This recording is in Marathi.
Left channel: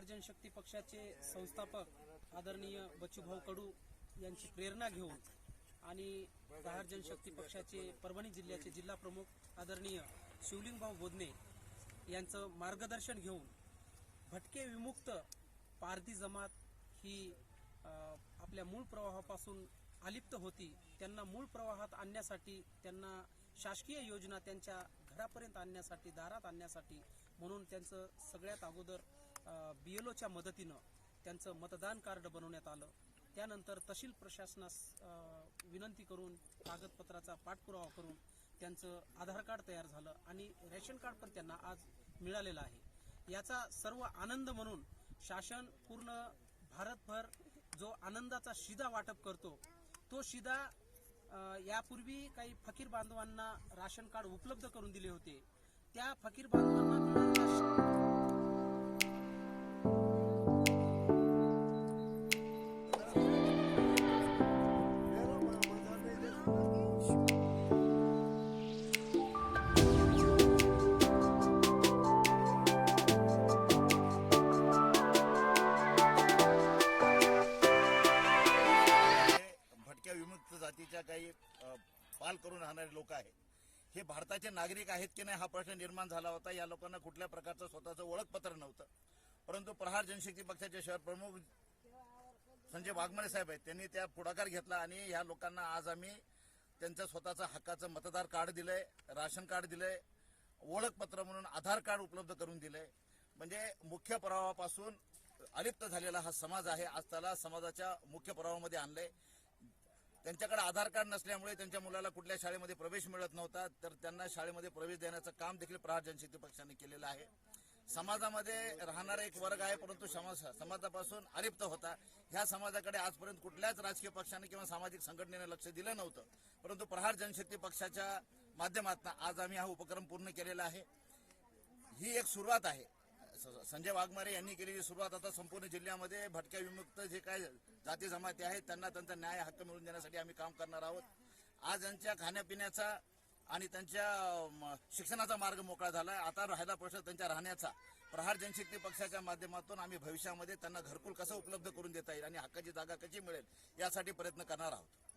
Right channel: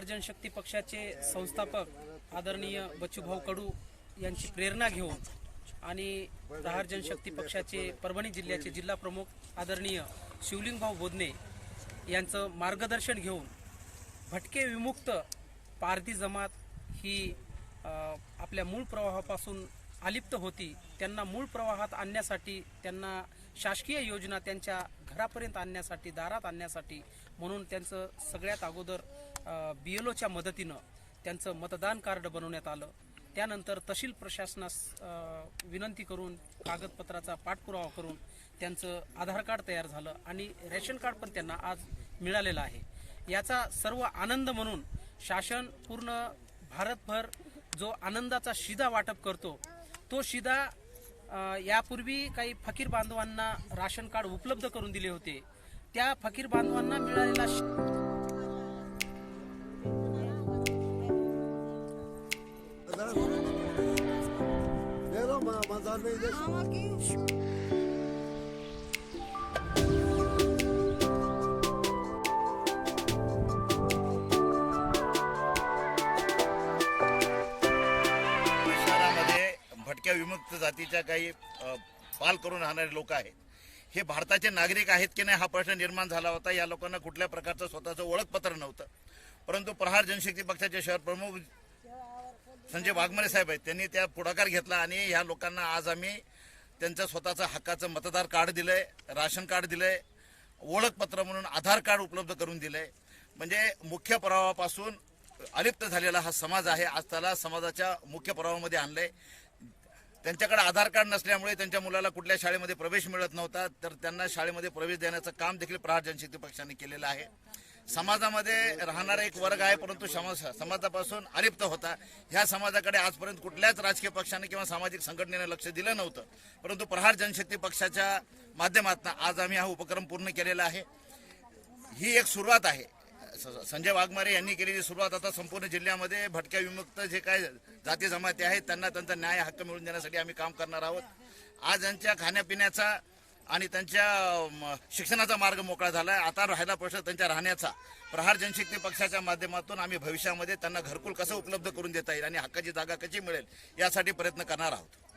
प्रहार जनशक्ती पक्षाचे संस्थापक आदरणीय बच्चूभाऊ कडू यांची प्रेरणा घेऊन आणि प्रहार जनशक्ती पक्षाचे परभणी जिल्ह्याचे जिल्हा प्रमुख आदरणीय शिवलिंगभाऊ बोधने यांचं मार्गदर्शन घेऊन भटके विमुक्त पारधी जमात ही आपल्या मूळ प्रवाहापासून अलिप्त होती. त्यांना मूळ प्रवाहात आणण्यासाठी त्यांना शासकीय योजना त्यांच्या घरापर्यंत आणण्यासाठी दारात आणण्यासाठी म्हणून त्यांचं सगळ्यात अगोदर बी एल ओच्या मदतीनं त्यांचं मतदान कार्ड बनवण्यात आलं. त्यानंतर तहसील प्रशासनास विनंती करून कागदपत्राचा पाठपुरावा करून त्यांचं आधार कार्ड तयार झालं आणि रेशन कार्ड पण त्यांना आज मिळालेलं आहे. याचा सर्व आनंद म्हणून शासन पूर्ण भारतभर जो आनंदाचा शिदा वाटप करतो तो शिदा यापूर्वी काही फकीर बांधवांना राशन कार्ड उपलब्ध करून दिले होते. त्या फकीर बांधवांना मिळालेला भटक्या विमुक्त जातीच्या काही पाल करून राहणारे लोक आहेत. हे भारताचे नागरिक आहेत की नाही हा प्रश्न निर्माण झाला होता. या लोकांना कुठल्या प्रकारचं स्वतःचं ओळखपत्र नव्हतं. परंतु प्रहार जनशक्ती पक्षाचे शहर प्रमुख संजय वाघमारे साहेब आहेत त्यांनी त्या पुढाकार घेतला आणि ह्या लोकांना आज आम्ही त्यांचं स्वतःचं हक्काचं मतदार कार्ड दिलं आहे राशन कार्ड दिलं आहे ओळखपत्र म्हणून आधार कार्ड उपलब्ध करून दिलं आहे म्हणजे मुख्य प्रवाहापासून अलिप्त झालेला हा समाज आहे आज त्याला समाजाच्या मुख्य प्रवाहामध्ये आहे त्यांच्याकडे आधार कार्ड नसल्यामुळे त्यांच्या मुलाला कुठल्या शाळेमध्ये प्रवेश मिळत नव्हता तर त्यांना शाळेमध्ये प्रवेश देण्याचं काम देखील प्रहार जनशक्ती पक्षाने केलेलं आहे. समाजामध्ये राहणारा एक वर्ग आहे परंतु समाज समाजापासून अलिप्त होता. ह्या समाजाकडे आजपर्यंत कुठल्याच राजकीय पक्षाने किंवा सामाजिक संघटनेने लक्ष दिलं नव्हतं. परंतु प्रहार जनशक्ती पक्षाच्या माध्यमातून आज आम्ही हा उपक्रम पूर्ण केलेला आहे. ही एक सुरुवात आहे. स- संजय वाघमारे यांनी केलेली सुरुवात आता संपूर्ण जिल्ह्यामध्ये भटक्या विमुक्त जे काय जाती जमाती आहेत त्यांना त्यांचा न्याय हक्क मिळवून देण्यासाठी आम्ही काम करणार आहोत. आज यांच्या खाण्यापिण्याचा आणि त्यांच्या शिक्षणाचा मार्ग मोकळा झाला आहे आता राहिला प्रश्न त्यांच्या राहण्याचा. प्रहार जनशक्ती पक्षाच्या माध्यमातून आम्ही भविष्यामध्ये त्यांना घरकुल कसं उपलब्ध करून देता येईल आणि हक्काची जागा कशी मिळेल यासाठी प्रयत्न करणार आहोत.